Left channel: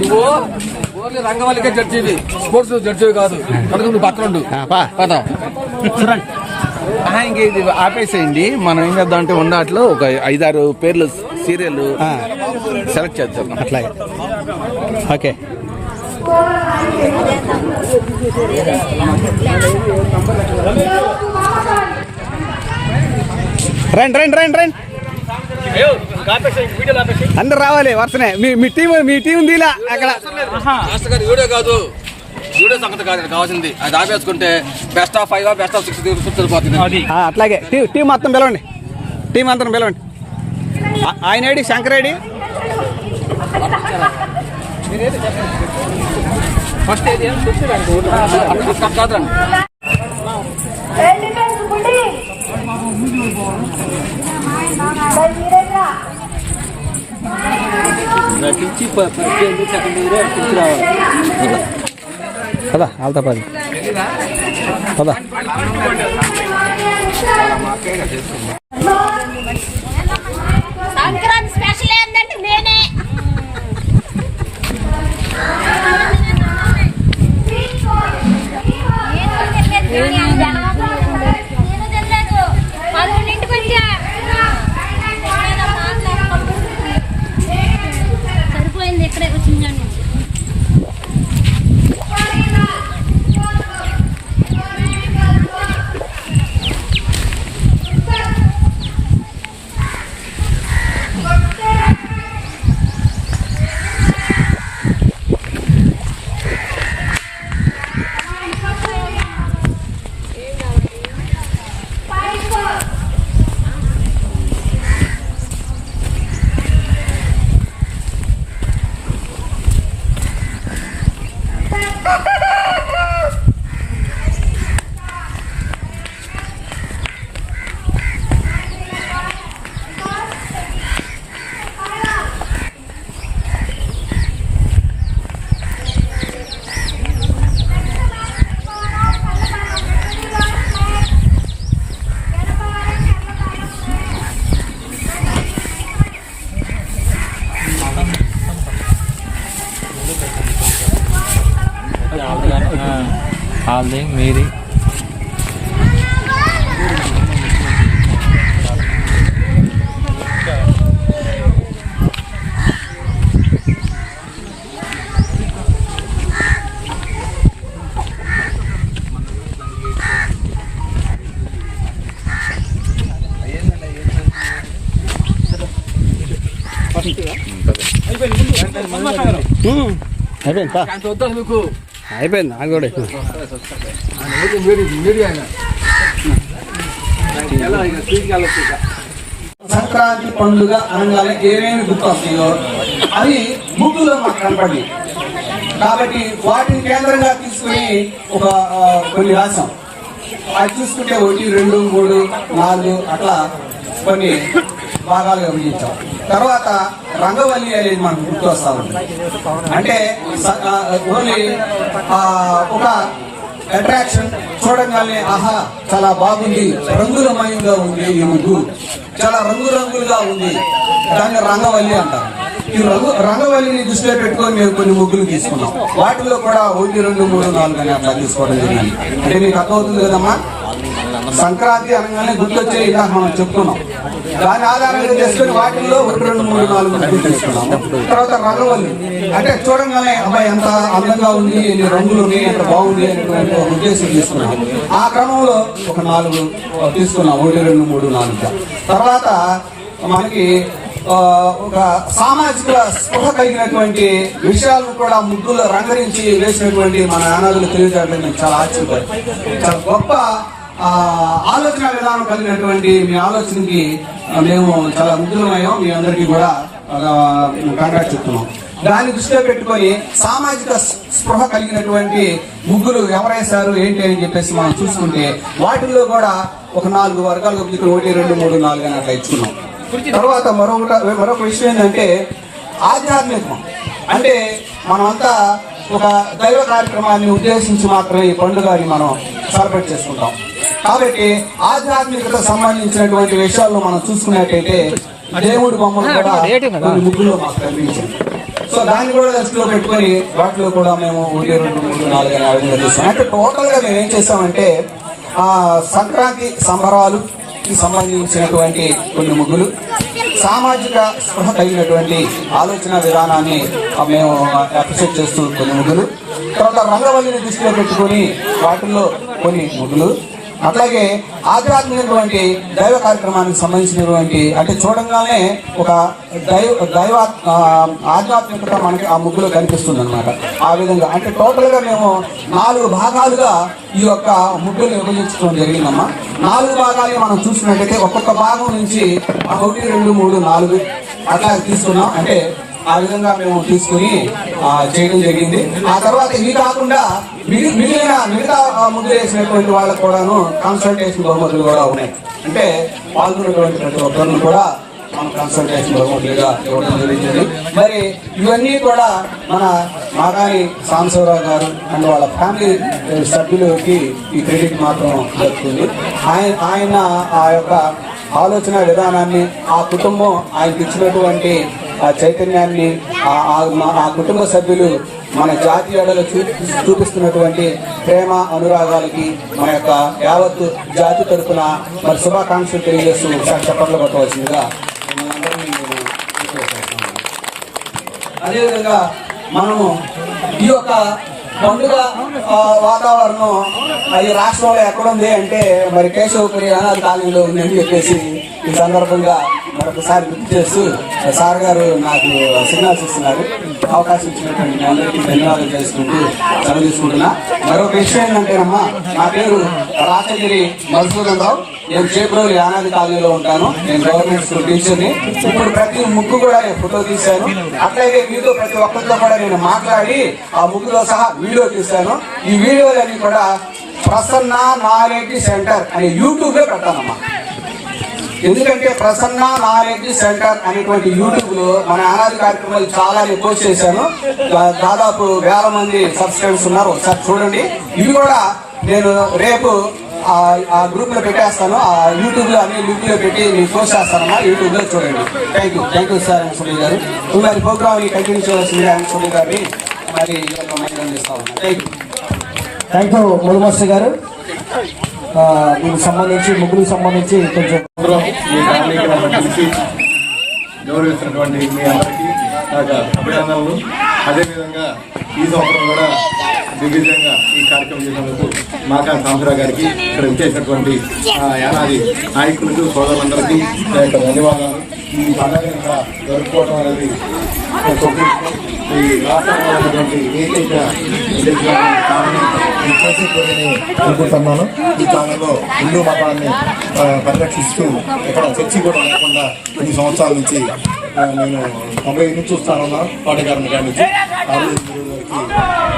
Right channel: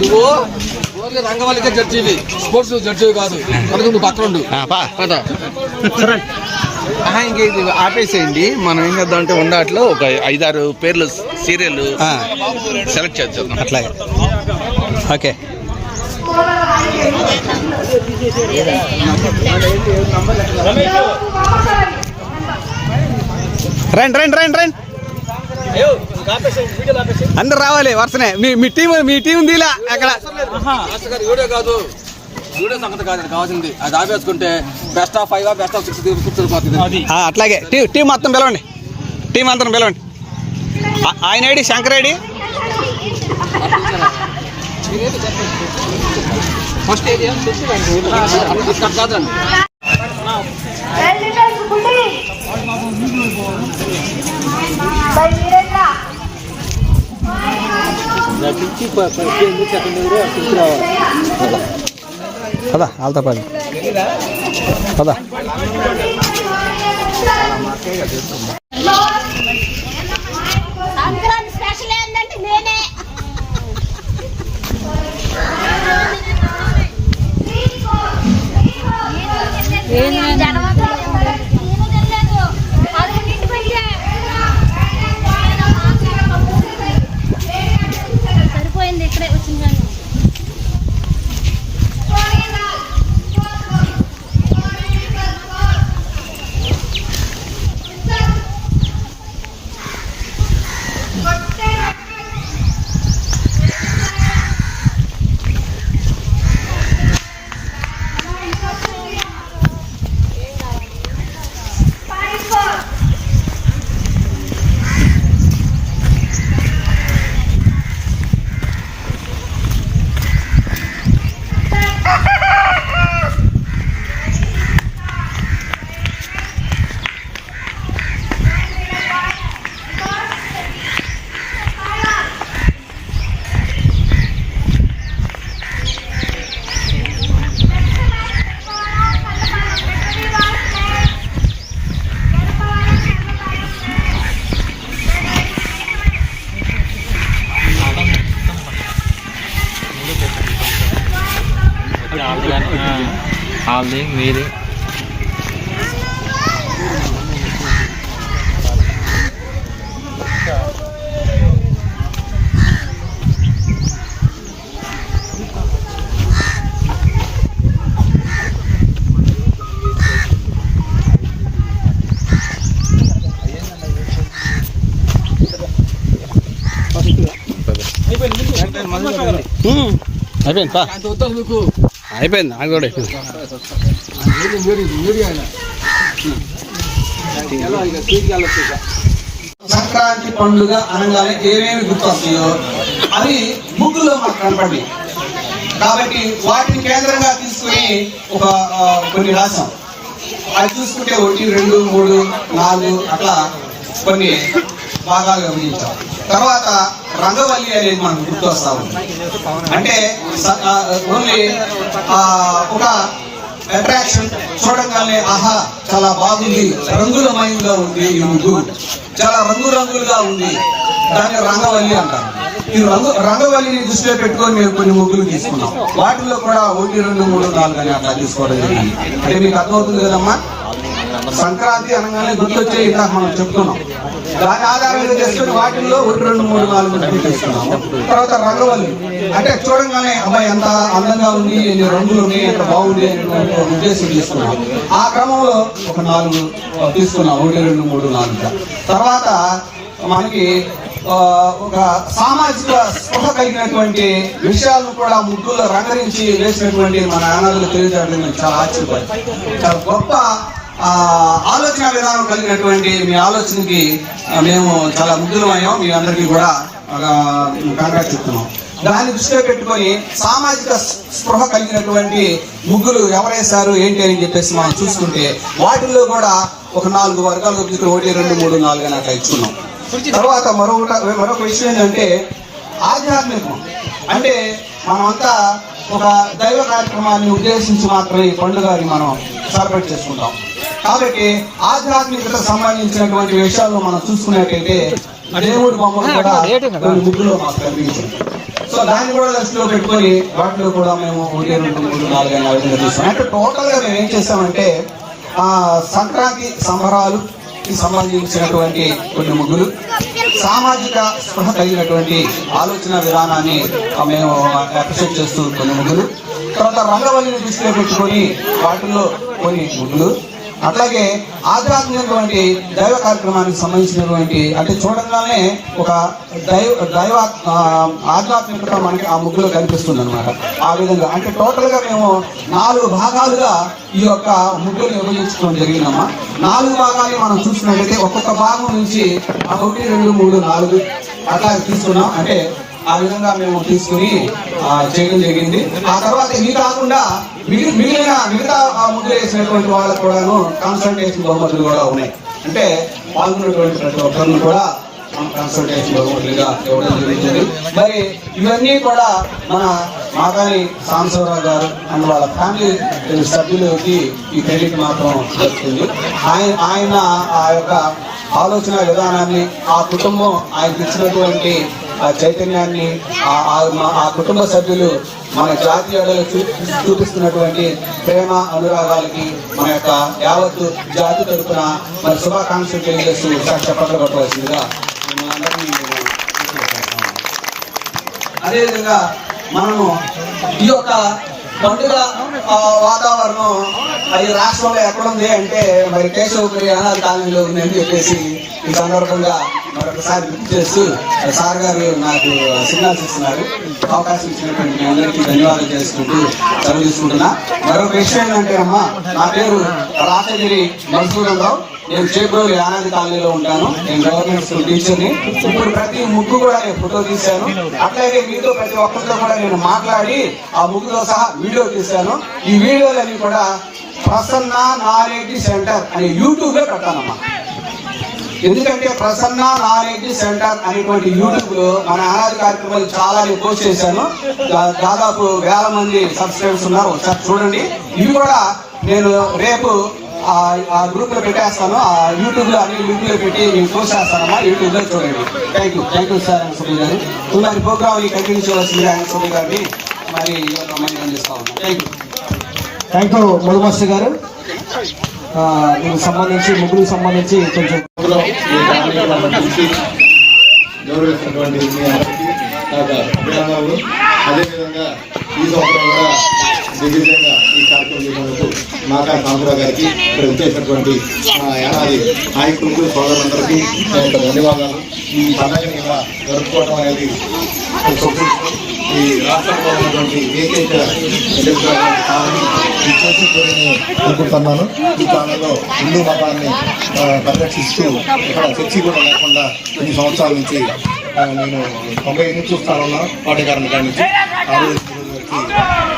నువ్వు only రంగవల్లికే జడ్జివి sports జడ్జివి కాదు. కనుక నువ్వు పక్కన ఉండు ఆ, పా. పద. ఆహా, ఇంక ఇది? ఆపేసేయండి. మనం ఏం చేద్దాం అంటే ఉండట్లో ఒక ఐదారు పేర్లు సీరియల్ ఆ, సెలెక్ట్ చేద్దాం. అట్లాగే. ఓకే. రండి రండి రండి రండి. అందరు రావాలి వరుసనే. మీ మీ టీం మీ టీం దీలా అక్కడ. కాదు. వీడియో సంగతి కాదు నాకు కావాల్సింది. అది ఆపేసుకుంటే best of five best of six ఆ, అట్లాగే. టీ టీం మొత్తం పిలవండి. టీం అంతా పిలవండి. ఆయన ఐడి శంకర్ ఐడి. ఫస్ట్ ఏది కాదండి పదా వాళ్ళతో పది పదా సంక్రాంతి స్పెషల్ ఏంటంటే నేనే? సరిపోయింది వాళ్ళది మీది ఉమ్, అయిపోయింది పా అంత వద్దాం మీకు అయిపోయింది నాకు కూడా. సంక్రాంతి పండుగ అనగానే ఏమేమి గుర్తొస్తాయో అది ముగ్గులో మనకు కనపడి కాబట్టి వాటిని కేంద్రంగా తీసుకుని ఒక కొన్ని రాశాం అది చూసుకుంటే ఒకటి రెండు మూడు నాలుగు అట్లా కొన్ని భాగాలుగా విభజించాం. తర్వాత రంగవల్లి అనేది మనకు గుర్తొస్తా ఉంది. అంటే ఆ, ఓన్లీ ఒక అట్రాక్షన్ చూడగానే ఆహా చాలా బాగుంది. రంగులమయంగా ఉంది ఈ ముగ్గు. చాలా రంగురంగులుగా ఉంది. దాన్ని రంగవల్లి అంటారు. ఈ రంగు రంగవల్లిని దృష్టిలో పెట్టుకొని మేము కొన్ని ముగ్గులు తీసుకున్నాం. వాటిలో కూడా ఒకటి రెండు మూడు నాలుగు అని అట్లా తీసుకోవడం జరిగింది. అంటే మీకు అర్థమవుతుంది కదమ్మా? సంక్రాంతి అనగానే గుర్తొచ్చే విధానం మనం చెప్తున్నాం. దాని ఆధారంగా చేసుకుని వాటిల్లో ఒకటి రెండు మూడు నాలుగు తీసుకున్నాం. తర్వాత రంగవల్లి అంటే చూడంగానే అబ్బాయి ఎంత అందంగా ఉంది ఎన్ని రంగులు ఉన్నాయి ఎంత బాగుంది అనేటువంటి ఉద్దేశం తీసుకున్నాం. ఆ క్రమంలో ఒక నాలుగు తీసుకున్నాం. ఒకటి రెండు మూడు నాలుగు. తర్వాత మనకి ఆ, ఒక సామాజిక స్పృహ కలిగినటువంటి విషయాలను కూడా ముగ్గులో రంగరించి వేసినటువంటి మన ఆనాదులు తెలియజేయడం చాలా ఆశ్చర్యపడి చాలా గొప్ప ఆలోచన విధానం కలిగినటువంటి మీ ఆలోచనకి మేము చాలా ముగ్గులమయ్యాం మీ అందరికీ కూడా కాంగ్రాట్ చెప్తున్నాం. దాన్ని దృష్టిలో పెట్టుకొని సామాజిక స్పృహ కలిగినటువంటి ముగ్గులు ఎవరేశారు ఏంటి అని చెప్పేసి మనం చూసుకుంటే వాటిల్లో కూడా ఒక నాలుగు వర్గాలు ఒకటి రెండు మూడు నాలుగు అని అట్లా ఇచ్చుకున్నాం. తర్వాత మరొకట మరొక విషయం ఏంటంటే ఆధ్యాత్మికం. అంటే మనమంతా ఒక దైవ కార్యక్రమాన్ని ఉద్దేశించి మాత్రమే ఈ పండుగని మనం సెలబ్రేట్ చేసుకుంటాం. కాబట్టి ఆధ్యాత్మికత సంబంధించినటువంటి విషయాల్లో మనం చూసుకున్నట్టయితే దేవుడి కూడా కొన్ని ముగ్గులో మాకు కనిపించింది. సో దాన్ని కూడా దృష్టిలో పెట్టుకొని వాటిలో కూడా మేము చూస్తున్నాం. అంటే టోటల్గా మేము ఏం చేస్తామంటే ఆ సంక్రాంతి సంబరాలు సంబంధించినటువంటి కొన్ని ముగ్గులు సామాజిక స్పృహ కలిగినటువంటి ఆలోచన విధానాన్ని మేము అప్రిషియేట్ చేస్తూ కొన్ని ముగ్గులు తర్వాత రంగవల్లిని దృష్టిలో పెట్టుకొని వాటిల్లో కొన్ని ముగ్గులు అట్లాగే ఆధ్యాత్మికటువంటి దైవ కార్యక్రమానికి సంబంధించినటువంటి అంటే చూడగానే ఒక దైవ దైవ ఆధ్యాత్మికత మనకి ఆ ముగ్గులో కనిపిస్తుంది అన్నమాట. ఆ విధంగా అంటే టోటల్గా మేము నాలుగు భాగాలుగా ఈ యొక్క ముగ్గులు విభజించడం జరిగిందమ్మా. నాలుగు భాగాలు మనం చూసినట్లయితే ఒక్కొక్క భాగం నుంచి ఒకటి రెండు మూడు నాలుగు అట్లా తీసుకున్నాం. అంటే ఆ విధంగా మేము తీసుకుని చేయడం జరిగింది. ఆ తర్వాత ఇవి కాకుండా మిగిలిన మిగతా ఆ వేసినటువంటి వాళ్ళకు కూడాను కన్సల్టేషన్ బహుమతులు కూడా ఉన్నాయి. అంటే పాల్గొన్నటువంటి ప్రతి ఒక్కరిని కూడా కన్సల్టేషన్ బహుమతులుగా ఇవ్వడం జరిగింది. మరి ఇవన్నీ కూడా మన మాదాని సాంబశివరావు గారు అండ్ వాళ్ళ ఫ్యామిలీ సభ్యులకి ఈ క్రెడిట్ మాత్రం దొరుకుతుంది ఆయన ఆయన ఆ యొక్క ఆలోచన విధానాన్ని ఆ కుటుంబం ఆయనకి ఇచ్చినటువంటి ఆ చైతన్యాన్ని ఆ- కుటుంబ సభ్యులు మన జాతీయాలలో చూపిస్తున్నటువంటి ప్రేమ అనురాగాలకి మన యొక్క యావత్తు జాతి తరఫున మరి శుభాకాంక్షలు తెలియజేస్తూ ఒకసారి పెట్టవలసిందిగా అదేవిధంగా మనము ఈ యొక్క పండుగ వాతావరణం అది రాష్ట్రంలో ఎక్కడుంది అంటే మరి కేశవ అనాథ కాలనీలో ఉందని చెప్పేసి ఈ సందర్భంగా మరొకసారి గుర్తు చేస్తూ సార్ గారు నాకు సిగ్నల్స్ ఇస్తున్నారు. అవకాశం ఇచ్చినటువంటి మీ అందరికీ ధన్యవాదాలు చేసుకుంటూ సెలవు తీసుకుంటున్నా. మరొక విషయం ఏంటంటే అమ్మా నా పేరు రాసగిరి మధుసూదనరావు నేను చేపూరు యానాది కాలనీలో ఉంటాను. నేను గవర్నమెంట్ స్కూల్ టీచర్ని. ఇప్పుడు ప్రతి ముగ్గు కూడా నేను ఫోటో తీశాను. అట్లాగే మీతో ప్రతి ఒక్కరితో కూడా నేను మాట్లాడి ఆ ముగ్గుతో సహా వీడియో తీశాను. ఈ వీడియోలన్నీ కూడా ప్రసన్న నారెడ్డి సెంటర్ అనే యూట్యూబ్లో పెట్టానమ్మా ఎందుకంటే ప్రసన్న నాలెడ్జ్ సెంటర్ అనేటువంటి యూట్యూబ్లో మన అనాది కార్యక్రమాలు చాలా రిపోర్ట్ చేశాను. దాదాపు వేల మంది సబ్స్క్రైబర్స్ ఉన్నారు. ఒకసారి చూడండి. ఇవి కూడా నేను రేపు ఆ- గ్రూప్లో పెట్టేస్తాను. ఆ యూట్యూబ్లో అన్ని లింక్లో పెట్టి మీకు పోస్ట్ చేస్తాను యూట్యూబ్లో చూడండి. Thank you thank you sir Suni garu. మరి ప్రోగ్రామ్ కంటిన్యూ చేయవలసింది ఆయన గారిని. మరి థ్యాంక్ యూ థ్యాంక్ యూ మురుగు గారు. దీనికి సంబంధించి ముగ్గులకు సంబంధించి కొంచెం గౌరవిస్తున్నటువంటి మీ అందరికీ నాకు అభినందనలు. అదేవిధంగా ఈ సంవత్సరం కూడా దిగ్విజయంగా ఈ కార్యక్రమం చేసినందుకు మాకా సాంబరావు గారికి ఇక్కడ విచ్చేసినటువంటి ఏడాది నాయకులకు సోదరులందరికీ ధన్యవాదాలు. ఈ పండుగను జరుపుకోవడం అనేది ఈ రాష్ట్రంలో ఉన్నటువంటి ఏకైక అనుకుంటున్నాను. ఈ కాలంలో హిందూ మతాన్ని పరిరక్షిస్తూ ఇక్కడ చర్చి కూడా లేకుండా కొన్ని సంవత్సరాల నుంచి నేను తొంభై నుంచి చూస్తాను కోటగారిని కాడి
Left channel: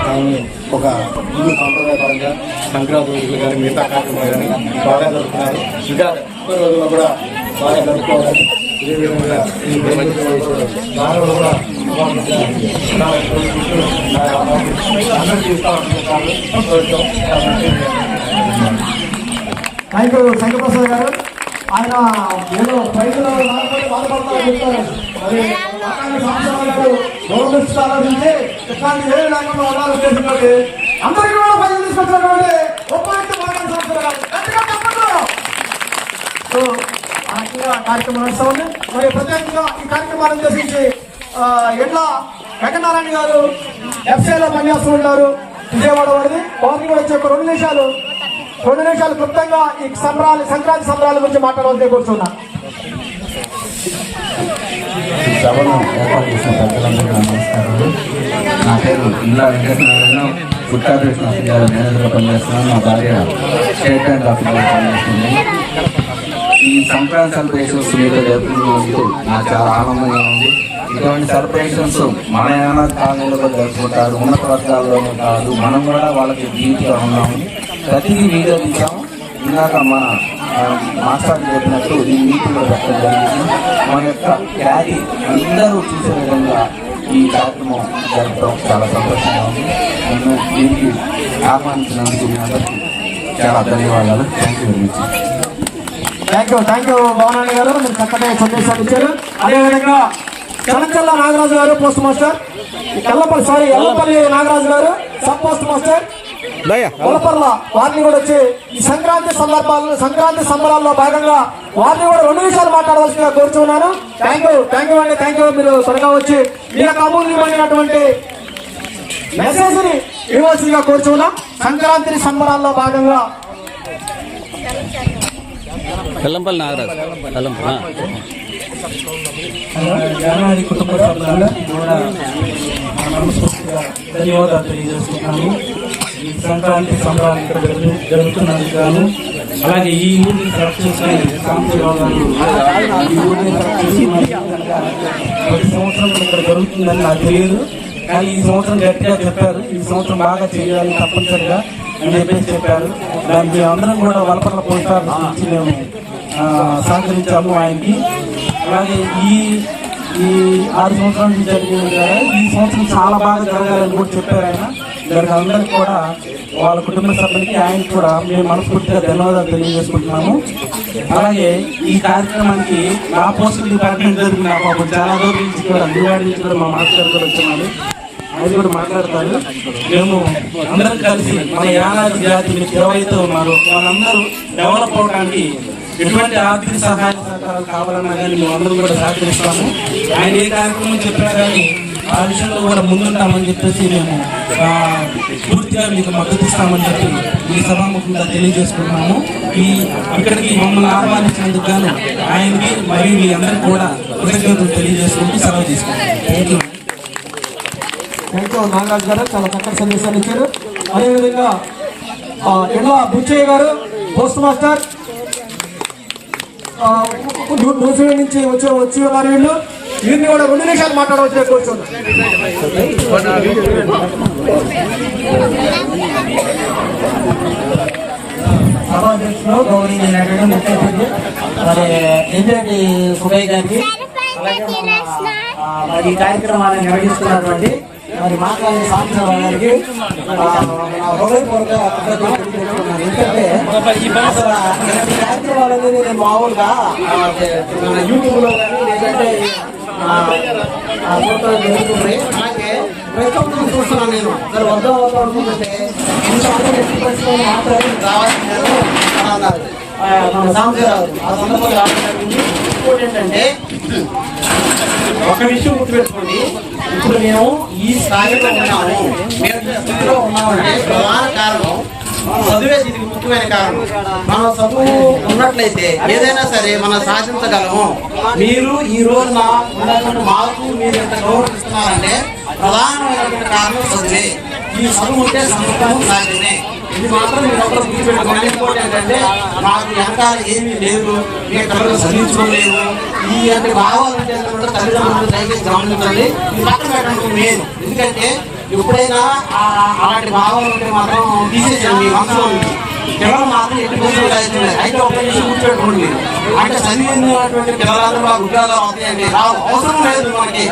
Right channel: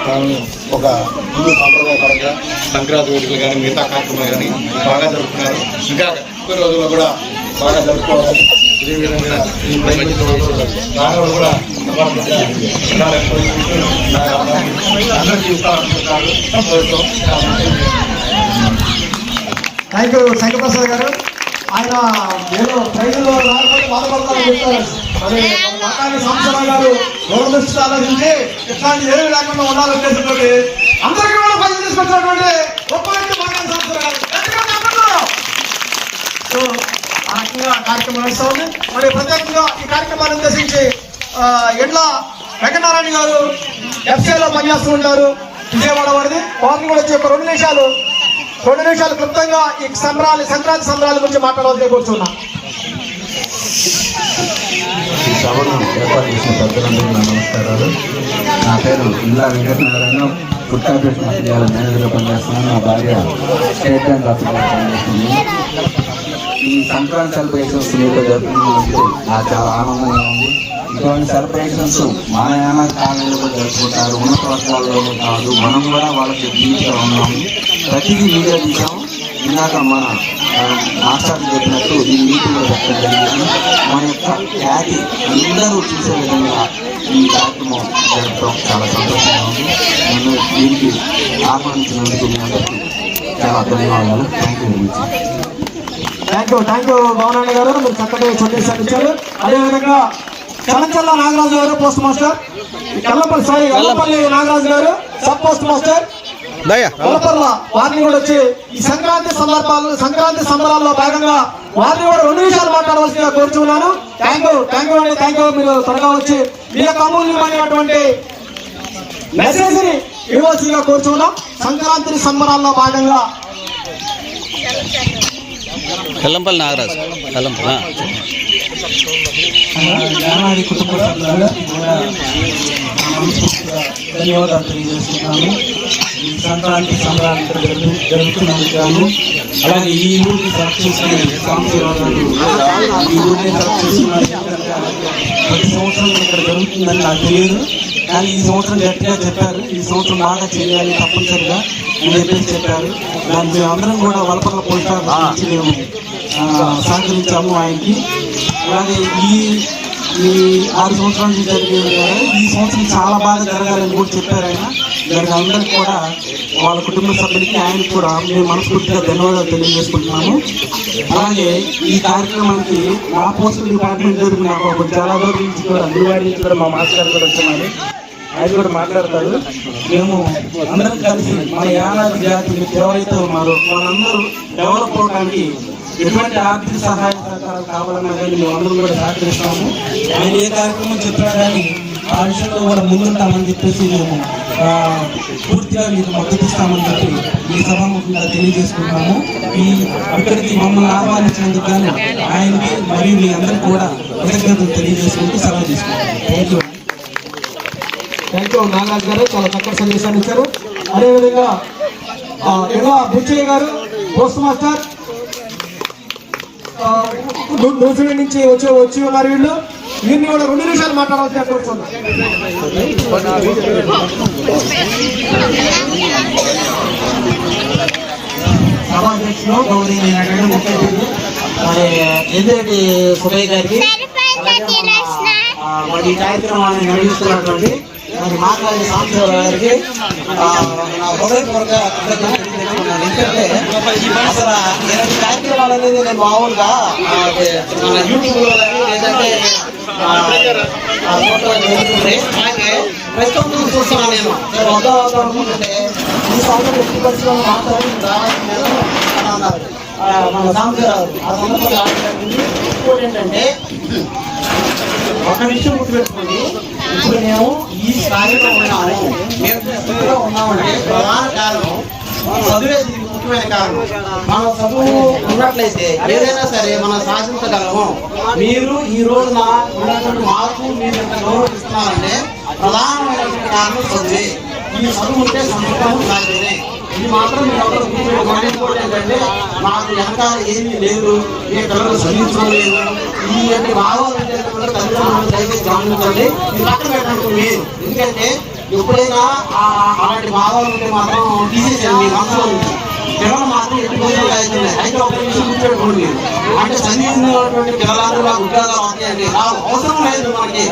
నుంచి ఒక హిందూ సాంప్రదాయపరంగా సంక్రాంతి వేడుకలు కానీ మిగతా కార్యక్రమాలు కానీ బాగా జరుపుతున్నారు ఇంకా ముప్పై రోజుల్లో కూడా బాగా జరుపుకోవాలి. ఇదే కూడా అందరికీ ఇస్తారనుకుంటారు థ్యాంక్ యూ శంకరప్రసాద్ గారు ఆయన ఏదో ప్రైజ్లో మరి ఇట్లాంటి ఏమి లేకుండా ఉండాలనుకుంటున్నటువంటి అందరికీ కూడా తీసుకొచ్చినటువంటి గొప్ప వ్యక్తి మాట్లాడి సో ఆ రకంగా కార్యక్రమం నడుస్తూ ఉంది మరి ప్రత్యేకంగా ఈ కార్యక్రమాన్ని ఉద్దేశించి ఎడ్ల వెంకటనారాయణ గారు ఎఫ్సీలో పనిచేస్తూ ఉంటారు విజయవాడ వారిది వారిని కూడా వచ్చి ఒక రెండు నిమిషాలు రెండు నిమిషాలు క్లుప్తంగా ఈ సంబరాలు సంక్రాంతి సంబరాల గురించి మాట్లాడవలసి కూర్చున్నా సభను ఏర్పాటు చేసిన పెద్దలందరికీ నమస్కారాలు. నా పేరు ఇండ్ల వెంకటనారాయణ. ఫుడ్ ఆఫీసర్ పనిచేస్తున్నాను నా భార్య స్టేట్ బ్యాంక్ పనిచేస్తుంది. ఈ సంక్రాంతి సెలబ్రేషన్స్ మీతో జరుపుకున్నందుకు నాకు చాలా ఆనందంగా ఉంది. ఇటువంటి సెలబ్రేషన్స్ మన యానా కాలేజీలో జరుపుకుంటారు ఉన్నత వర్గాల్లోనూ కాదు. మనం కూడా వాళ్ళకి జీవితంలో ఉన్నాము ప్రతిదీ మీరే చూసాము ఇందాక మన మాస్టర్ చెప్పినట్టు ఈ మీటింగ్లో పెట్టడం జరిగింది. మన యొక్క ఖ్యాతి అందరూ చూసే విధంగా ఈ కార్యక్రమం జరగడం చాలా సంతోషంగా ఉంది. నన్ను దీనికి ఆహ్వానించినందుకు మీ అందరికీ చాలా ధన్యవాదాలు. Thank you very much thank you thank you భవనాన్ని గారు. మీరు చక్కటి సందేశాలు ఇచ్చారు. అదేవిధంగా Chennachella Nagaraju garu post master. Yellapalli sorry Yellapalli Nagaraju garu sub post master. వారిని కూడా వచ్చి ఈ సంక్రాంతి సందర్భాల్లో సంక్రాంతి సంబరాల్లో భాగంగా వారిని కూడా రెండు నిమిషాలు మాట్లాడవలసిందిగా కోరుచున్నాను థ్యాంక్ యూ థ్యాంక్ యూ అండి థ్యాంక్ యూ మీరు త్వరగా వచ్చి మీ యొక్క అమూల్యమైనటువంటి మెసేజ్ని ఇవ్వాల్సిందిగా కోరుచున్నాం సంక్రాంతి సంబరాల్లో భాగంగా ఎల్లంపల్లి నాగరాజు. జానవారి కుటుంబ మనస్ఫూర్తిగా ధన్యవాదాలు తెలియజేస్తున్నాము ఈ సంక్రాంతి సంబరాలు ఇక్కడ జరుగు జరుగుతున్నందుకు గాను. అలాగే ఈ ఊరిని చేసిన ఈ ఊరిని ప్రతి సంవత్సరం ఇక్కడ జరుగుతుందని నాకు తెలియదు. కానీ ఈ సంవత్సరం గట్టిగా చెప్పారు. ఈ సంవత్సరం బాగా చేయాలని తప్పనిసరిగా అని చెప్పేసి చెప్పారు. దాన్ని మేమందరం కూడా వలపల పొందాలి మేము సహకరించాము ఆయనకి. అలాగే ఈ ఈ ఆరు సంవత్సరాల నుంచి జరిగిన ఈ సంవత్సరం చాలా బాగా జరగాలని కూడా చెప్పారు ఆయన. అందరికీ కూడా వాళ్ళ కుటుంబ సభ్యులకి ఆయన కూడా మేము మనస్ఫూర్తిగా ధన్యవాదాలు తెలియజేసుకుంటున్నాము. అలాగే ఈ కార్యక్రమానికి నా పోస్ట్ డిపార్ట్మెంట్ జరిగిన నాకు ఒక చాలా గురించి కూడా అందుబాటు నుంచి కూడా మా మాస్టర్ కూడా వచ్చినాడు ఆయన కూడా మాట్లాడతారు. మేము అందరం కలిసి మన యానాది జాతి మీకు ఎవరైతే ఉన్నారో వాళ్ళందరూ డెవలప్ అవడానికి ఎటువంటి ఆర్థిక సహాయ సహకారాలు కావాలన్నా కానీ మేము కూడా సహకరిస్తాము. ఆయన ఏ కార్యక్రమం చెప్పారు కానీ ఆ విషయంలో కూడా ముందుంటామని చెప్పేసి మేము పూర్తిగా మీకు మద్దతు ఇస్తామని చెప్పి ఈ సభాముఖంగా తెలియజేసుకుంటున్నాము ఈ ఇక్కడికి మమ్మల్ని ఆహ్వానించినందుకు గాను ఆయనకి మరియు మీ అందరికీ కూడా కృతజ్ఞతలు తెలియజేసుకుంటూ సెలవు తీసుకుంటాం. Thank you thank you Nagaraj garu. చాలా చక్కటి సందేశాన్ని ఇచ్చారు. అదేవిధంగా ఎలా ఇలా బుచ్చయ్య గారు పోస్ట్ మాస్టర్ న్యూజిలాండ్ నుంచి వచ్చి వచ్చి ఉన్నారు వీళ్ళు. వీరిని కూడా రెండు నిమిషాలు మాట్లాడవచ్చు కూర్చున్నారు సభాధ్యక్షులు గౌరవనీయులైనటువంటి ముఖ్య అతిథి మరి ఇంద్రెడ్డి సుబ్బయ్య గారికి మరి ఈ కార్యక్రమాన్ని నిర్వహిస్తున్నటువంటి మరి మాట్లాడే సాంబశివరావు గారికి హృదయపూర్వక కృతజ్ఞతలు ఎందుకంటే అసలు ఇలాంటి కార్యక్రమాలు అనేది నేను మామూలుగా ఆ, మన యూట్యూబ్లో కానీ లేదంటే ఆ, ఆ, చూడటం జరుగుతుంది. అలాగే ప్రతి ఒక్కరు చూస్తున్నాను నేను. ఇక్కడ వద్ద వద్ద ఉంటుంటే కొన్నిసార్లు వ్యక్తిగతంగా మాత్రమే రావాలని అని అన్నారు. ఆ, మన సాంబశివరావు ఆ సందర్భంగా రావడం జరిగింది. ఇంకోటి ఏంటంటే ఒక విషయం గుర్తుపెట్టుకోండి. ఇప్పుడు మేము ఈ స్థాయిలో ఉన్నాము. మేము ఈ స్థితిలో ఉన్నామంటే ప్రధాన కారణం చదువే దీనికి ముఖ్యమైన కారణం. మన చదువు ఉన్నట్లయితే ఏదైనా సరే మనం సాధించగలము. మీరు ఈ రోజున ఉన్నటువంటి మార్పు మీరు ఎంత గౌరవిస్తున్నారంటే ప్రధానమైనటువంటి కారణం చదువే. ఈ చదువు ఉంటే సమర్థము సాధ్యమే. ఇది మాత్రం మీరు ఒకరు గుర్తుపెట్టుకోండి మాకు వెనకాల ఏమీ లేదు. మేము పిల్లలు చదివించుకోలేదు ఈ యొక్క భావాలు తల్లిదండ్రులు దయచేసి గమనించండి. ఇది పక్కన పెట్టండి లేదు ఎందుకంటే ఎప్పుడైనా అలాంటి భావాలు ఉంటే మాత్రం తీసేసాను మీ మనసులో నుంచి పిల్లలు మాత్రం ఎట్టి రోజులు అవుతున్నాయి అయితే ఒక విషయం గుర్తుపెట్టుకోండి అంటే చదివినటువంటి పిల్లలందరూ మాకు ఉద్యోగాలు వస్తాయండి. రావు అవసరం లేదు మనకి.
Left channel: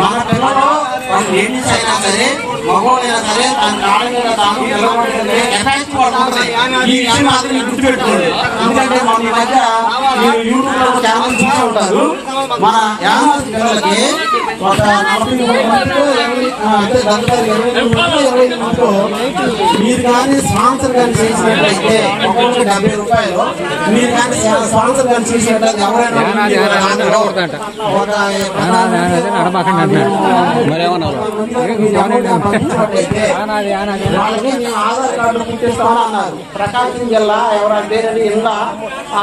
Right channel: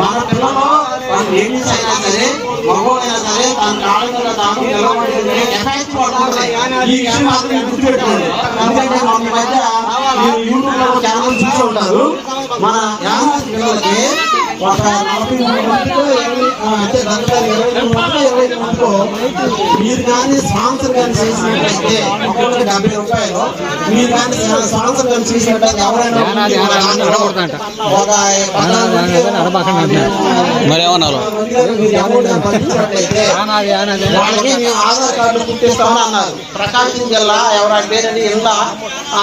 మన పిల్లలు వాళ్ళు లేడీస్ అయినా సరే మగవాళ్ళైనా సరే తన కాళ్ళ మీద తాము నిలబడుతుంది కెపాసిటీ వాళ్ళకు ఈ విషయం మాత్రం మీరు గుర్తుపెట్టుకోండి. ఎందుకంటే మన మధ్య మీరు యూట్యూబ్లో కూడా చాలా చూస్తూ ఉంటారు. మన యానాది పిల్లలకి ఒక నలభై మూడు దగ్గర ఇరవై మందిలో ఇరవై మందిలో మీరు కానీ స్పాన్సర్ కానీ చేసినట్లయితే ఒక్కొక్కరికి డెబ్బై రూపాయలు మీరు కానీ స్పాన్సర్ కానీ చేసినట్లయితే ఎవరైనా ఒక పంపించినట్లయితే వాళ్ళకి మేము ఆధార్ పుట్టిస్తామని అన్నారు ప్రకాశం జిల్లా ఎవరంటే ఇలా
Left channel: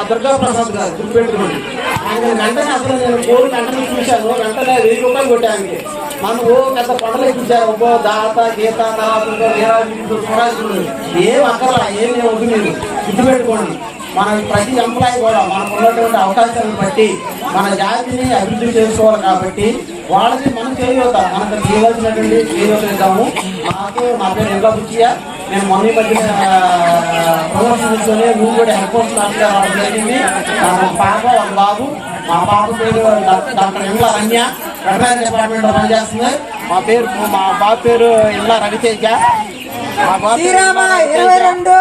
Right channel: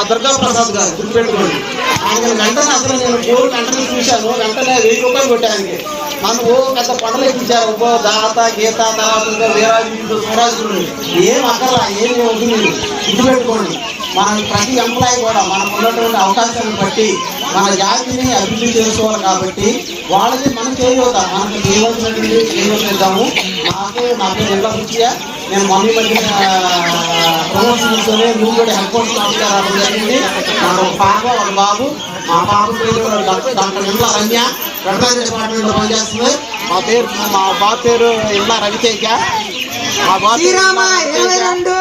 దుర్గా ప్రసాద్ గారు గుర్తుపెట్టుకోండి ఆయన వెంటనే అసలు నేను కోరు వెంటనే చూశాను వెంటనే వెయ్యి రూపాయలు పనులు కొట్టడానికి మనం ఓ పెద్ద పంటలు ఇచ్చారు ఓ దాత గీత తర్వాత స్వరాజులు ఏం అక్కర్లా ఏం వద్దు మీరు. ఇటు పెట్టుకోండి. మన ప్రతి ఎంప్లాయీ కూడా మనకు ఉన్నటువంటి అవకాశాలను బట్టి మన జాతిని అభివృద్ధి చేసుకోవాలి కాబట్టి వాళ్ళకి మనం చేయవుతాం మనకు చేయవలసినటువంటి చేయగలుగుతాము నాకు నా పేరు ఎండ్ల బుచ్చియ నేను మొన్న మధ్యన ప్రమోషన్ తీసుకొని మూడు కూడా హెల్ప్ పోస్ట్ ఆఫీసర్ రావడం జరిగింది. పాప ఒక బాబు మా పాప పేరు డాక్టర్ ఎండ్ల రమ్య? వ్యవసాయ డిపార్ట్మెంట్లో పనిచేస్తుంది. మా పేరు మా బాబు పేరు ఇళ్ళ రవితేజ. మా బాబు ఇరవై రెండు.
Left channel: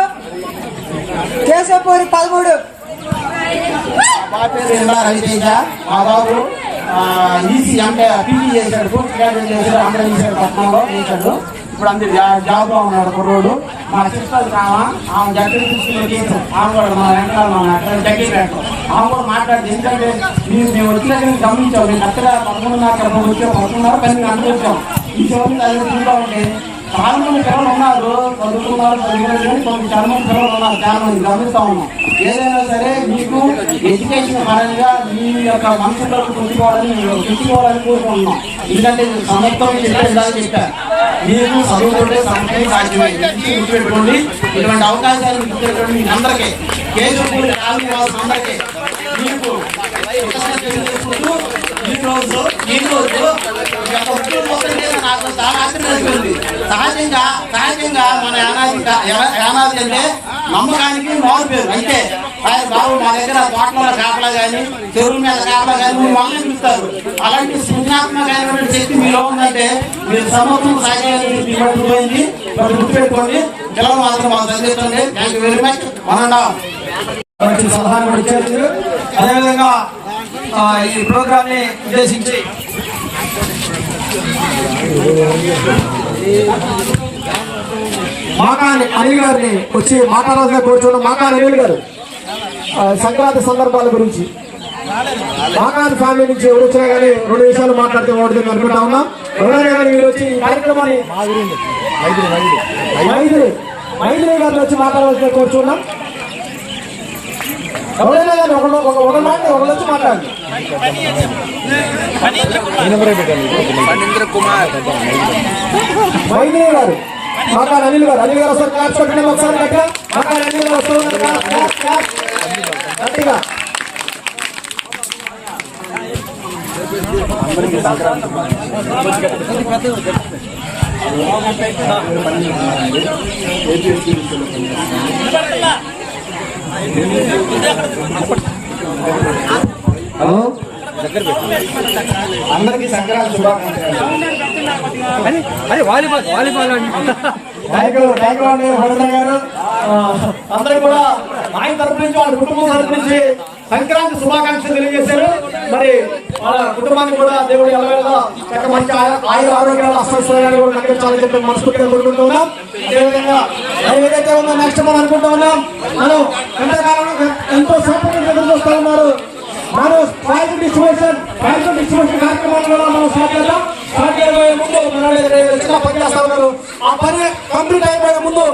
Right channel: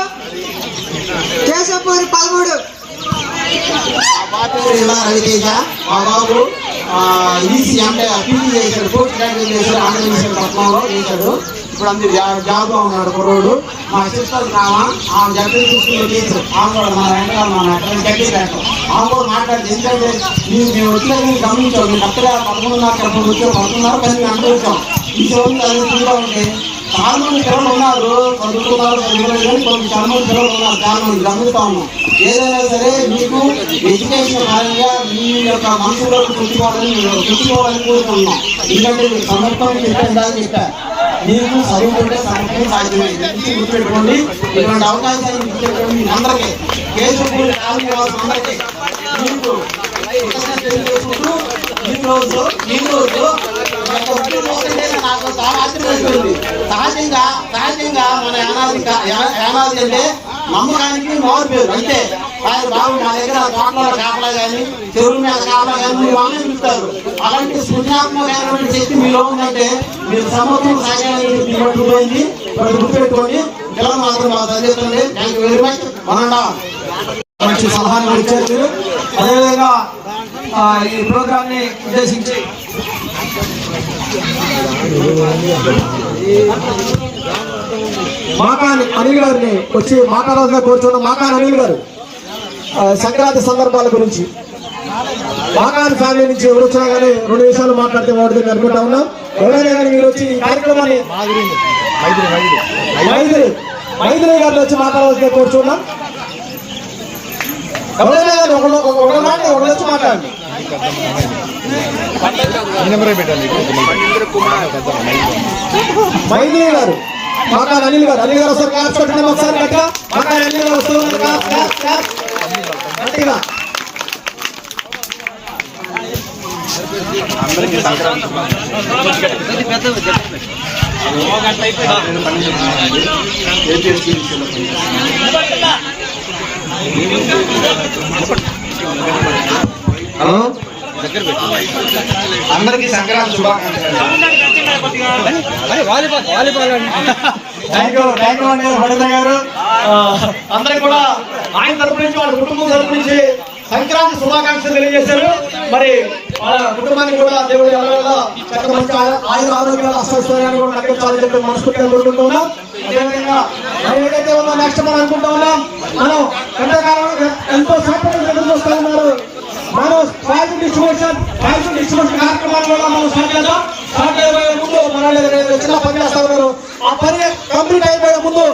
కేశవపూరి పదమూడు. మా బాబు పేరు ఇళ్ళ మా బాబు ఈసీ అంటే పీజీ చేశాడు పోస్ట్ గ్రాడ్యుయేట్ చేశాడు ఆంధ్ర విషయం పట్నంలో చేశాడు. ఇప్పుడు అందరు జాబ్ ఉన్నాడు కుర్రోడు మా సిస్టర్ కావా ఆమె జట్టు తీసుకున్న టీచర్ ఆమె కూడా మా వెంటనే మా గడ్డి బ్యాంక్ ఆమె కూడా మాట్లాడింది. ఎందుకంటే మీరు మేము వచ్చిన గమనించాం. మేము కరెక్ట్గా పదకొండున్నర అక్కడ వచ్చాం పదకొండున్నర పది మేము అనుకుంటాం ఈ చోటు అది ఉంటే చాలా మంది పిల్లలు ఉన్నారు. చదువుతున్నారు చదువులేదు కానీ కొన్ని చాలా మంది పిల్లలు ఉన్నారు. చాలా మంది గమనిస్తా ఉన్నాం. ఏదైనా సరే మీకు ఎడ్యుకేషన్ పరంగా మీ యొక్క మనసులోకి పెట్టుకోవాలని మీరు పెట్టుకోవాలని కోరుకుంటున్నాం. ఎందుకంటే మీరు సమర్థం చెప్పేదాకా చెప్పారు. మీరు చదువుకుంటే సమర్థం సాధ్యమైంది ఇది గుర్తుపెట్టుకోండి. ఇటువంటి అవకాశాలు గుర్తుపెట్టుకోండి మీ అందరికీ. కేసు అందరికీ మీకు కృతజ్ఞతలు తెలియజేసుకుంటూ నాకు చాలా ఆశ్చర్యపోయింది సహజంగా సహజంగా మన యానాది యానాది అంటే నమ్మకానికి మామూలు పేరు అంతే. ఆయన బాబు మా దగ్గర తోటల కాపలా కానీ చెరువుల మీద కాపలా కానీ మీరు వాళ్ళని పిలుస్తారు. అలాంటి సృజనాత్మకమైనటువంటి శక్తి మీలో ఉందంటే మీరు సమర్థం సాగాలని పట్టుకుపోయింది గుర్తుపెట్టుకోండి. పిల్లలు మాత్రం మాకు చదివిస్తుంది థ్యాంక్ యూ వెరీ మచ్. మనం సలహాలు ఇచ్చారు. అదేవిధంగా ఈ ప్రోగ్రామ్ని ఉద్దేశించి మాకాని అనిల్ గారిని వచ్చి మాట్లాడాల్సిన కోరుచున్న మాకాని అనిల్ గారు సంక్రాంతి సందర్భాల గురించి. మాకాని ఫ్యామిలీ నుంచి ఎవరు వచ్చినా కానీ రెండు విషయాలు మాట్లాడితే బాగుంటుంది అనుకుంటా ఉన్నాం. ఎవరైనా కానీ మీరు వచ్చి ఈ కార్యక్రమాన్ని మైత్రి గారిని వచ్చి మాట్లాడవలసిన కోరుచున్నాం ఎవరైనా కానీ ఒకడు ఒక ఒక మాట ఒకడు వచ్చి మాట్లాడండి మైత్రి గారు మాకా అనిల్ గారు అనిల్ గారు ఒకసారి క్లాప్స్ పెట్టండి ఒకసారి గట్టిగా మాకా అనిల్ గారు వస్తూ ఉన్నారు క్లాప్, క్లాప్, క్లాప్. గట్టిగా హలో అందరికీ సంక్రాంతి శుభాకాంక్షలు థ్యాంక్ హలో? థ్యాంక్ సంక్రాంతి అండి గారు అందరికి కూడా ఆయన తరపు నుంచి వాళ్ళ కుటుంబం తరపు నుంచి సంక్రాంతి శుభాకాంక్షలు తెలియజేశారు. మరి మన కుటుంబానికి కూడా దేవుడు ఎలా చక్క మంచి ఆయుర ఆరోగ్యాలు అస్వస్థాన్ని కూడా నడిపించాలని చెప్పి మనస్ఫూర్తిగా కోరుకుంటున్నాం. అదేవిధంగా ఏదైతే ఉందో నెక్స్ట్ మనం అనుకుంటా ఉన్నాం మనం ఎంతకాలం ఎంతో సేపటి ఎదురు చూస్తా ఉన్నారు మనం ఫైల్ డిస్ట్రిబ్యూషన్ ఫైల్ డిస్ట్రిబ్యూషన్ కార్యక్రమాలు కూడా మనం స్టార్ట్ చేద్దాం. ముందు చిన్న పని చేస్తా ఉన్నారు ఆ పని కంప్లీట్ అయిపోయే ముందు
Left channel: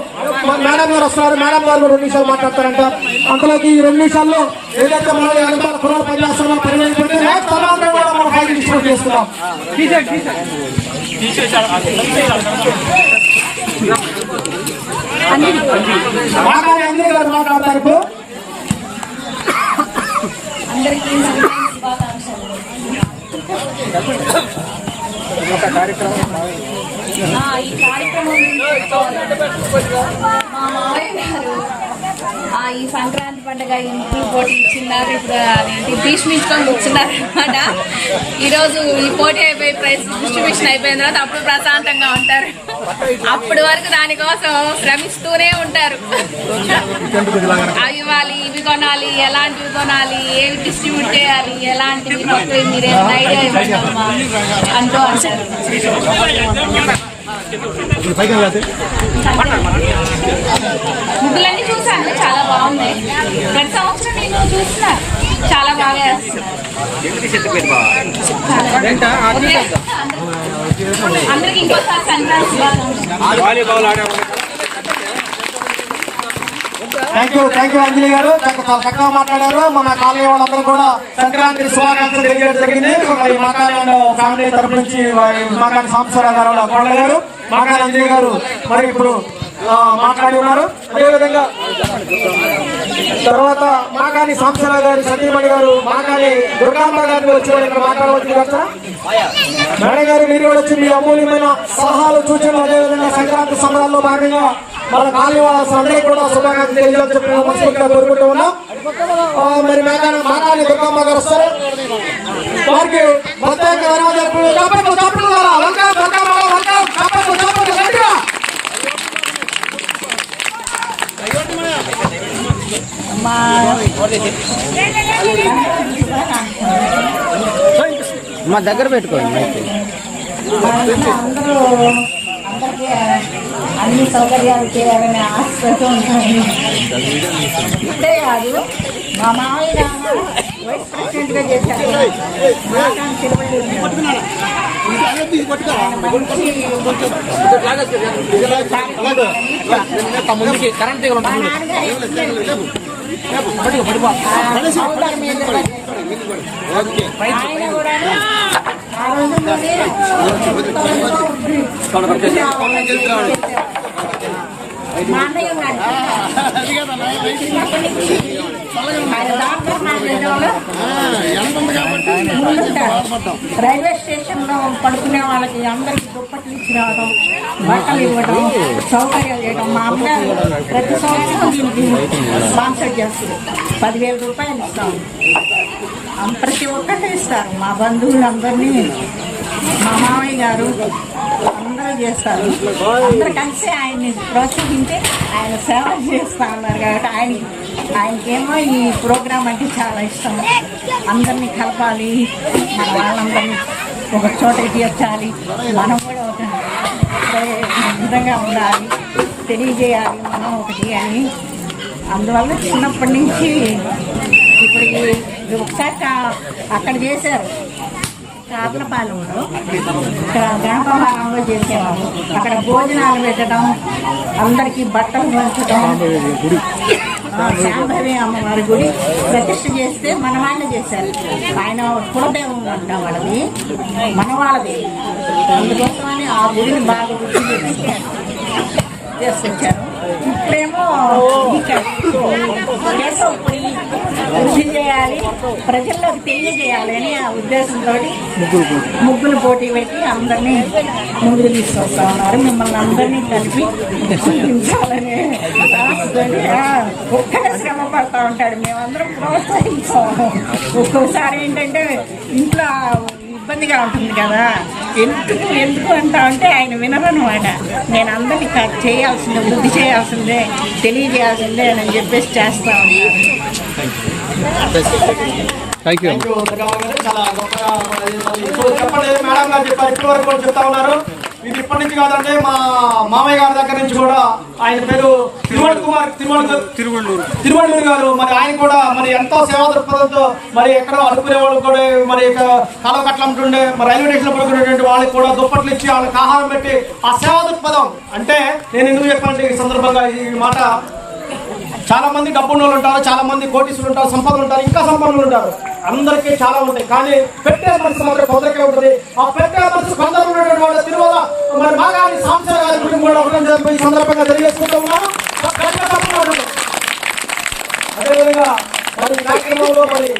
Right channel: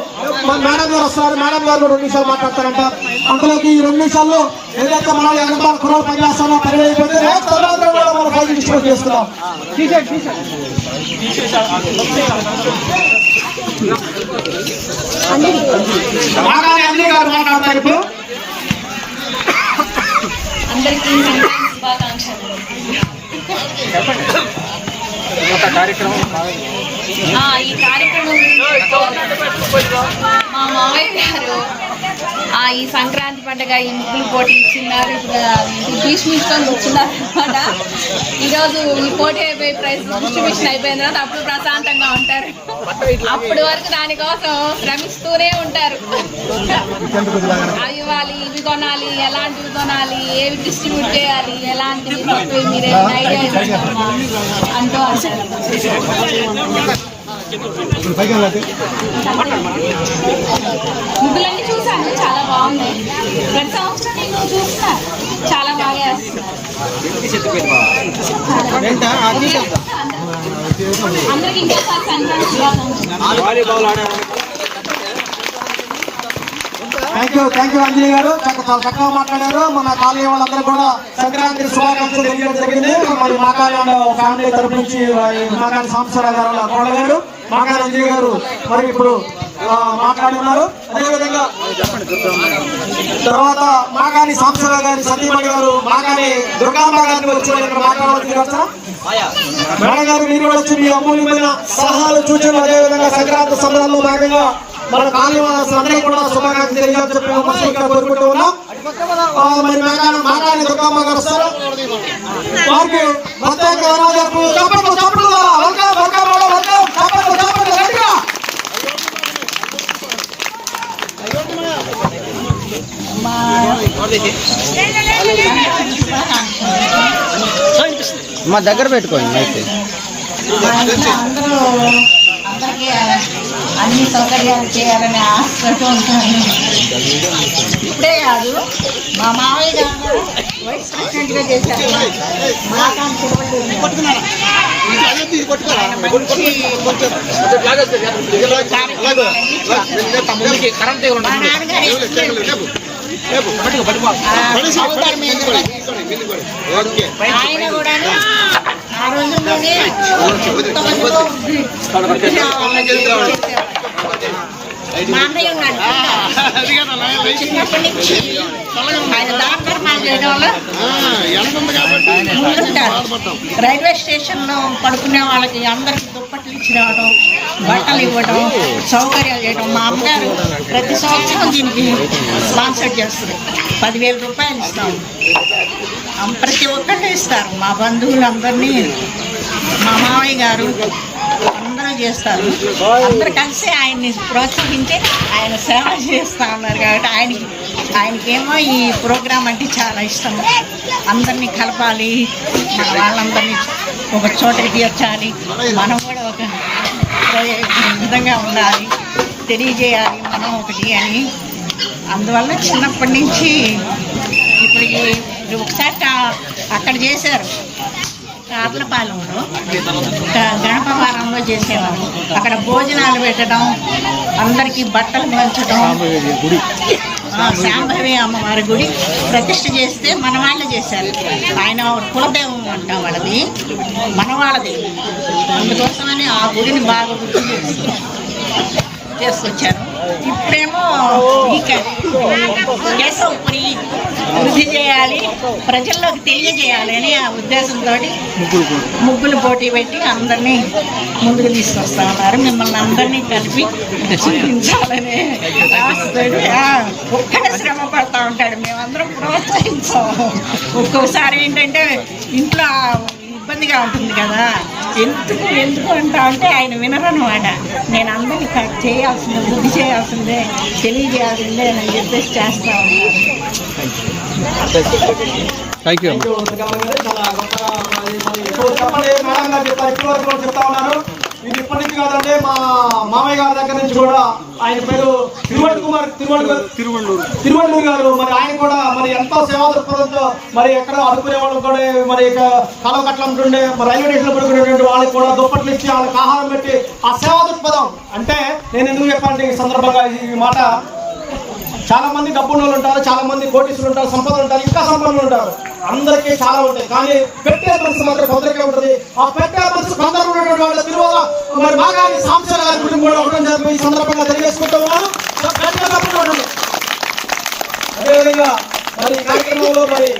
మేడం గారు వస్తున్నారు. మేడం గారు రెండు నిమిషాలు మాట్లాడతారంట. అంతలోకి ఈ రెండు నిమిషాల్లో ఏదైతే మనం కుర్రలు పని చేస్తామో పని అయిపోతే నెక్స్ట్ తర్వాత కూడా మనం ఫైల్ డిస్ట్రిబ్యూట్ చేస్తున్నాం మాట్లాడే గారు మాట్లాడతారు ఇప్పుడు. అందరికీ సంక్రాంతి ఒక కార్యక్రమం ఈ కార్యక్రమం మా మామయ్య గారు ఈ సంక్రాంతి పండుగ ఈ పోటీ ఇచ్చిన్నారు ఇప్పుడు అది భీష్మించుకొని కూర్చున్నారు అనమాట ఈరోజు ఈ పోటీ అయిపోయి ప్రైజ్ డిస్ట్రిబ్యూషన్ అయిపోయిన తర్వాత అప్పుడు ప్రశాంతంగా ఉంటారు. అప్పటి వరకు దానికోసం శ్రమిస్తూనే ఉంటారు. అవి ఇవ్వాలి ఇవి కొనాలి ఎలాంటివి కొనాలి ఏవి డిస్ట్రిబ్యూట్ చేయాలి ఎలాంటివి కొత్తవి మీరు ఐడియా ఇవ్వండి అమ్మా అంటూ ముగ్గులన్నీ చూసాను చాలా బాగున్నాయి. ప్రతి సంవత్సరం నేను చూస్తున్నా చాలా బాగా ఓకే. అందరికి ఇంకోసారి సంక్రాంతి శుభాకాంక్షలు. Thank you thank you Anjali garu చాలా చక్కగా మాట్లాడారు. మన కాలనీ వాళ్ళందరూ కూడా సంక్రాంతి శుభాకాంక్షలు తెలియడం జరిగింది. మరి మా ఫ్యామిలీ తరపు నుంచి వారి మా సాంబశ్వరరావు గారు వాళ్ళ కోడలు గారు అంజలి గారు. మరి ఇప్పుడు మాట్లాడి ఉన్నారు అదేవిధంగా తర్వాత మాగాని కాలనీ గారు సతీమణి గారు మాగాని దుర్గామ్మ గారిని వచ్చి మాట్లాడవచ్చు మేడం గారు మీరు వచ్చి మీ అమూల్యమైన సలహాలు సూచనలు అదేవిధంగా సంక్రాంతి సంబరాల్లో భాగంగా మన కాలనీ అందరికీ కూడా శుభాకాంక్షలు తెలియాలని చెప్పి మనస్ఫూర్తిగా కోరుకుంటూ ఉన్నాం. మరి మేఘాన మాగాని దుర్గమ్మ గారు వస్తారు? వారికి ప్రత్యేక ఆరాధనలు చప్పట్లు, చప్పట్లు, వెల్కమ్, వెల్కమ్, వెల్కమ్, చప్పట్లు, చప్పట్లు, గట్టిగా. మా దగ్గర పెట్టుకోండి అయితే అందరూ అందరికీ అన్ని సౌకర్యాలు చేయాలని ఆశతో ఉంటాను. ఇప్పుడే కాదు. మా మామయ్య గారు వైస్ ప్రెసిడెంట్గా చేశారు ఆయన మంచి. మా నాన్నగారు ఆయన కూడాను ఆ రోజుల్లోనే ఎంతమందితో మా అన్నయ్య ఉన్నాడు చిన్నప్పటి నుంచి ఆయన దాన చేయడం వల్ల ముందుంటారు రైల్వే స్టేషన్లో పడుకునే వాళ్ళకి అందరికి దుప్పట్లు ఇచ్చి రావడం బట్టలు ఇవ్వడం సౌకర్యాలు చేయడం. మా అమ్మగారు ప్రతి సంవత్సరం దీనికి స్పాన్సర్ చేస్తుంది పదివేల రూపాయలు ఇస్తాం. ప్రతి ఒక్కళ్ళు ఇస్తారు. మా బంధువులందరినీ మా మామయ్య గారు చేస్తారు. అందరు కలిసి ఆయన్ని ప్రోత్సహించి ఆయన సేవ చేస్తూ ఉన్నారు కాబట్టి ఆయనకి ఆయనకేమో ఈ ప్రోగ్రాం అంటే చాలా ఇష్టం. అందరినీ కలపాలి మన వాళ్ళందరినీ ఒక చోటకి తీర్చాలి మనం కూడా ఒక విధంగా ఉండాలి తెలియజేయాలి మనం ఒకటి అని. అందువల్ల చిన్నప్పటి నుంచి ఇప్పుడు ఒకసారి అక్కడ చేశారు కాపులపాలెంలో గణపవారంలో చేసేవారు. అక్కడ భోజనాలు పెట్టడం అందరికీ బట్టలు పంచడం. శాంభవి అమ్మవారి గుడి ప్రతిష్ట చేస్తే మన వాళ్ళే చేశారు. ఆయన కులదైవం అంట వాళ్ళది మన వాళ్ళది. అందుకోసమని ఆ గుడిని బాగా గుర్తు చేసి చేసుకొచ్చారు ఇప్పుడేమో ఈ క- కేశవపురి వృద్ధి చేయాలి ప్రజల్లోకి తెలియజేయాలి అని ఆ ఉద్దేశంతో ముగ్గులు పోటీ పెట్టి అందరినీ ముందుకు తీసుకొస్తా ఉన్నారు. మిమ్మల్ని అందరినీ కలిపి చూపించాలని ఆశతోటి ఒక్కడే శ్రమ పడతా ఉంటాడు. మేమందరం ప్రోత్సహించాము. ఒక్కొక్కసారి ఏంటంటే ఇంట్లో ఇబ్బందిగా ఉంటుంది కదా. ఎందుకు ఎందుకు అంటా అంటే ఆయన వినరనమాట నేను అందరినీ చేయాల్సిందే వృద్ధి చేయాల్సిందే తెలియజేయాల్సిందే అని చెప్పేసి చేస్తూ ఉంటారు థ్యాంక్ యూ చెప్పండి మేడం గారు చెప్పారు. ఇప్పటి వరకు కూడా చెప్తా ఉన్నారు. ఇది ఇప్పటి నుంచి కాదండి మా మామయ్య గారి దగ్గర నుంచి కూడా ఆయన పేరు తిరువళ్ళ కుమార్ తిరువళ్ళ తిరువళ్ళూరు తిరువళ్ళూరు గారు మరి ఆయన కూడా మరి ఎంతో సేవా దృక్పథంతో మరి ఎక్కడో అడుకునే వాళ్ళు కూడా మరి ఇక కాలువ కట్టలు అమ్ముతుండే మరి రైల్వే స్టేషన్ పడుకునేటువంటి వాళ్ళకి కూడా దుప్పట్లు ఇచ్చి వాళ్ళకి ఆహారం పెట్టి ఆ సేవా దృక్పథం. అంటే నేను ఎందుకు చెప్పాలంటే ఈ సందర్భంగా ఈ మాట చాలా మంది డబ్బున్న వాళ్ళు ఉంటారు చాలా మంది కోటీసులు ఉంటారు సంపదలు ఉంటారు ఇంకా సంపదలు ఉంటారు. అందరికీ చాలా ఉంటాయి కానీ పెట్టే పరిస్థితి మాత్రం కొందరికే ఉంటుంది. ఆ పెట్టే పరిస్థితి కొందరు ఉన్నటువంటి వాళ్ళ తిరువల మరి బాగా సాంసర గారి గురించి కూడా ఉండడం జరిపి సందర్భంగా తెలియజేసుకుంటూ అదేవిధంగా మరి కార్యక్రమంలో మరి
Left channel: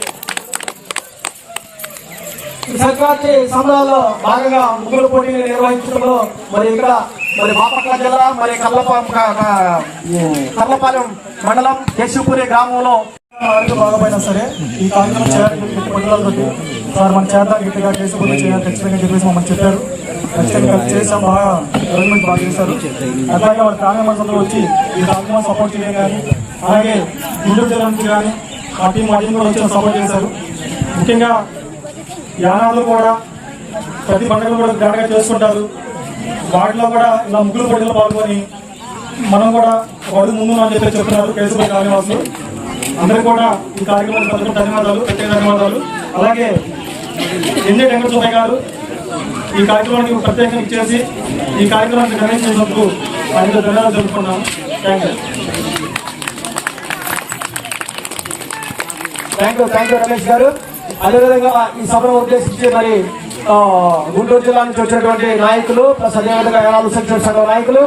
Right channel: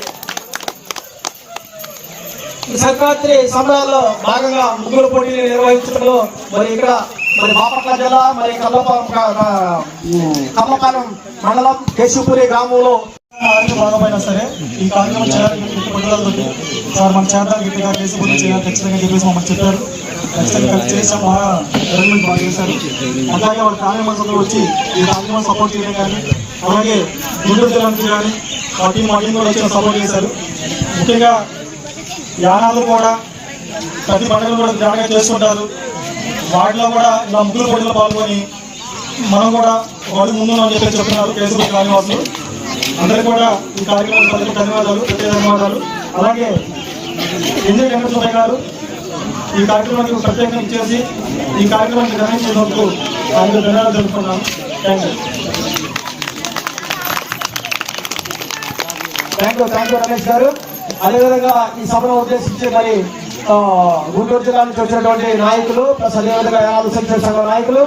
సంక్రాంతి సమయాల్లో భాగంగా ముగ్గుల పోటీలు నిర్వహించడంలో మరి ఇక్కడ మరి బాపట్ల జిల్లా మరి కర్లపా క- కర్లపాలెం మండలం కేశవపురి గ్రామంలో భాగమైనా సరే ఈ కార్యక్రమం చేయాలని పట్టుదలతోటి సార్ మన చేద్దాం గట్టిగా కేశవపురి చేయాలి ఖచ్చితంగా చెప్పేసి మమ్మల్ని చెప్పారు. ఖచ్చితంగా చేసాం బాగా గవర్నమెంట్ బాగా చేశారు. అలాగే వాళ్ళ ఫ్యామిలీ మెంబర్స్ వచ్చి ఈ కార్యక్రమం సపోర్ట్ చేయడం కానీ అలాగే గుంటూరు జిల్లా నుంచి కానీ మా టీం మా టీం కూడా వచ్చి సపోర్ట్ చేశారు. ముఖ్యంగా యానాలు కూడా ప్రతి పండుగలు కూడా గ్రాండ్గా చేసుకుంటారు. వాటిలో కూడా ఇలా ముగ్గురు పోటీలో పాల్గొని మనం కూడా ఒక అడుగు ముందు అని చెప్పి చెప్తున్నారు కేసుపై కాళీవాసులు అందరికీ కూడా ఈ కార్యక్రమానికి అందరికీ ధన్యవాదాలు ప్రత్యేక ధన్యవాదాలు. అలాగే ఎన్జే వెంకట గారు ఈ కార్యక్రమానికి ప్రత్యేకంగా ఇచ్చేసి ఈ కార్యక్రమాన్ని చేసినందుకు ఆయనలో ధన్యవాదాలు తెలుపుకున్నాను. Thank you thank you thank you Ramesh garu. అదేవిధంగా ఈ సభను ఉద్దేశించి మరి గుంటూరు జిల్లా నుంచి వచ్చినటువంటి నాయకులు ప్లస్ అదేవిధంగా యానాదు సెక్షన్ సంఘం నాయకులు.